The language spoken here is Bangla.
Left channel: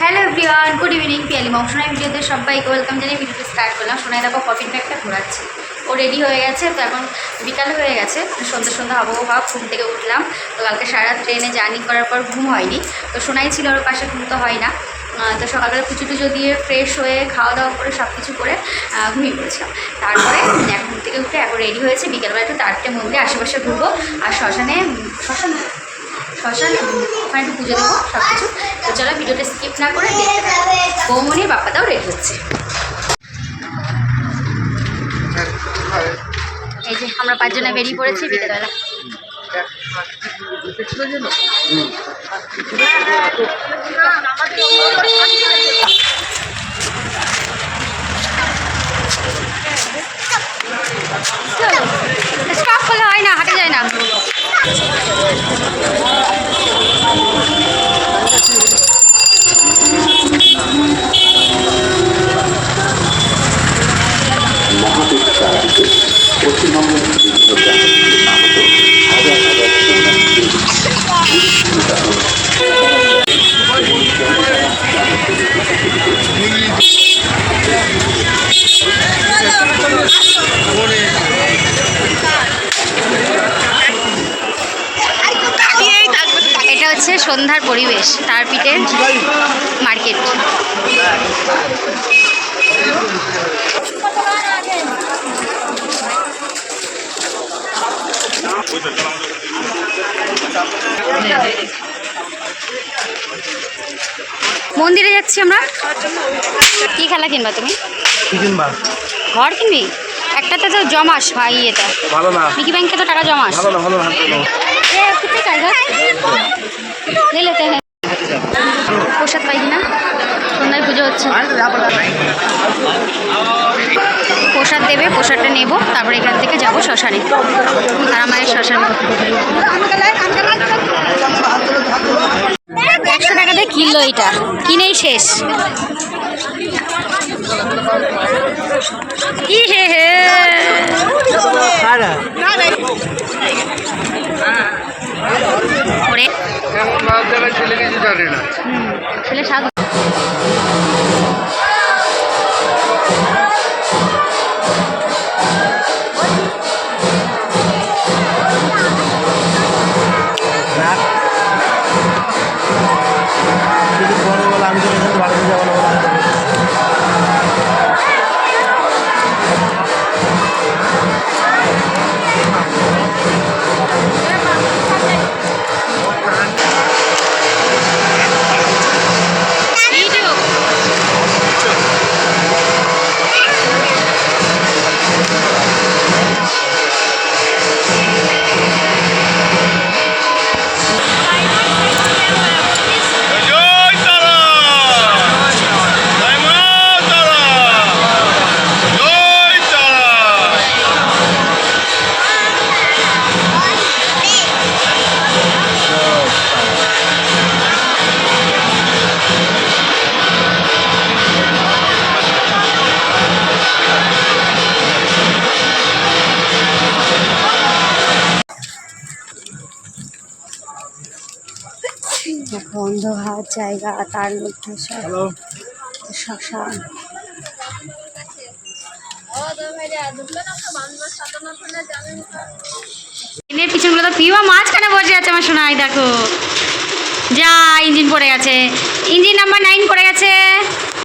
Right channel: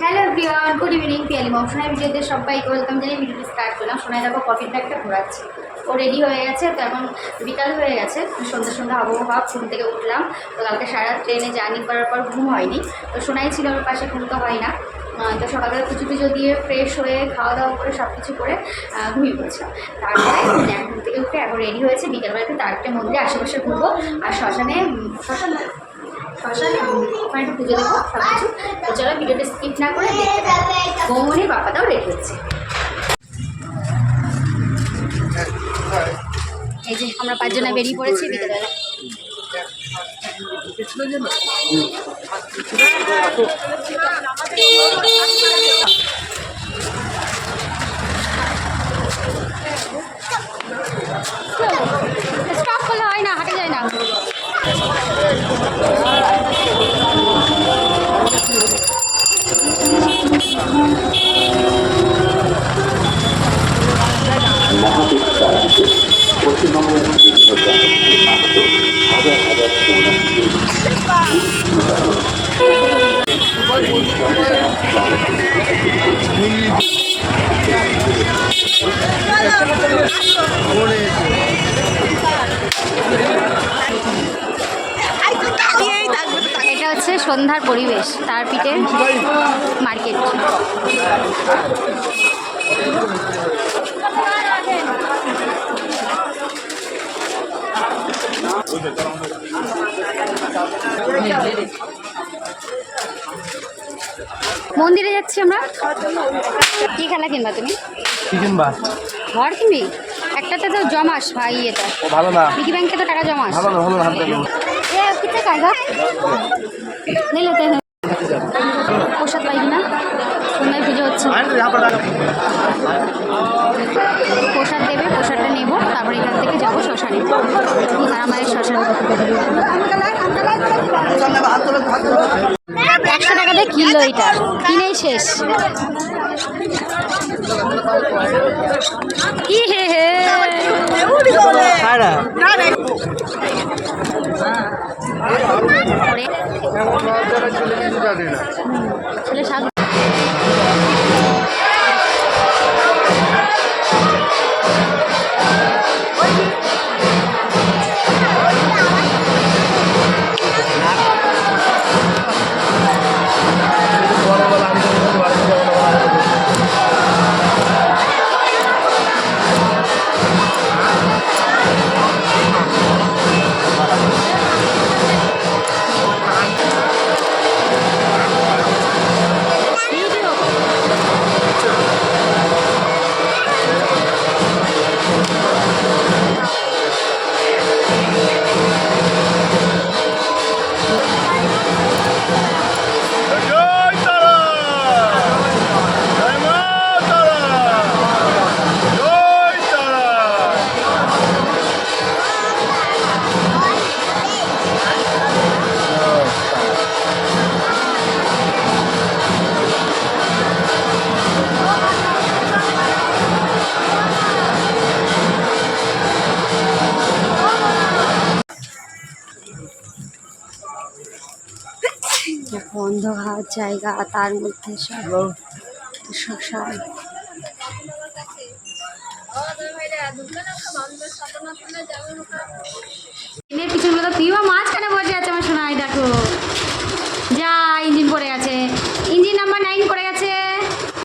Hello everyone good evening Piyali Mousumi ভিডিওতে সবাইকে ওয়েলকাম জানিয়ে ভিডিওটি স্টার্ট করলাম। সোনাই দেখো কফিন ব্যাগটা ঘোরাচ্ছে। ও রেডি হয়ে গেছে তো এখন বিকাল হয়ে গেছে সন্ধ্যা সন্ধ্যা আবহাওয়া ঘুম থেকে উঠলাম। তো কালকে সারা ট্রেনে জার্নি করার পর ঘুম হয়নি। তো সোনাই ছিল ওর পাশে ঘুম তো হয় না। তো সকালবেলা পুজো টুজো দিয়ে ফ্রেশ হয়ে খাওয়া দাওয়া করে সব কিছু করে ঘুমিয়ে পড়েছিলাম। তারপরে এখন থেকে উঠে এখন রেডি হয়েছে। বিকেলবেলা একটু তারটে মন্দিরে আশেপাশে ঘুরবো। আর শ্মশানে উম, শ্মশান শ্মশান ওখানে একটু পুজো দেবো সব কিছু তো চলো ভিডিওটা স্কিপ না করে দেখতে থাকো। বৌমনির বাপ্পাটাও রেডি হচ্ছে। এই যে আমরা পাঁচজনে বেরিয়ে পড়েছি, বিকেলবেলা। স্টপ করলে হয় না, হাঁটে যায় না। পশ্চিমবঙ্গের বিভিন্ন হাজার হাজার এটা হচ্ছে সন্ধ্যার পরিবেশ তারপিঠের মার্কেট মন্দিরে যাচ্ছি আমরা। কি খেলা কিনবা তুমি? ঘর কিনবি? একটাতে তো জমাস ভাই এটা ভালো না। পিকি ব্যাংকে তো টাকা জমাস। ভালো ভালো নিলে প্রসাদ পাই কিনা? সন্ধ্যায় পুজো হচ্ছে। প্রসাদ দেবে প্রসাদটা নেব তারপরে এখান থেকে যাব শ্মশানে। একশো টাকাতে কিনলো এটা। কিনেই শেষ। ই হে হে। ছেলে সাধু। অন্ধকার জায়গা তার মধ্যে সব শ্মশান। ট্রেনের পিছনগুলো তো পিওয়া মাঝখানে বসে আছে আমার শোনাই দেখো। যা ইঞ্জিন পড়ে গেছে। ইঞ্জিন নাম্বার নাইন পড়ে গেছে।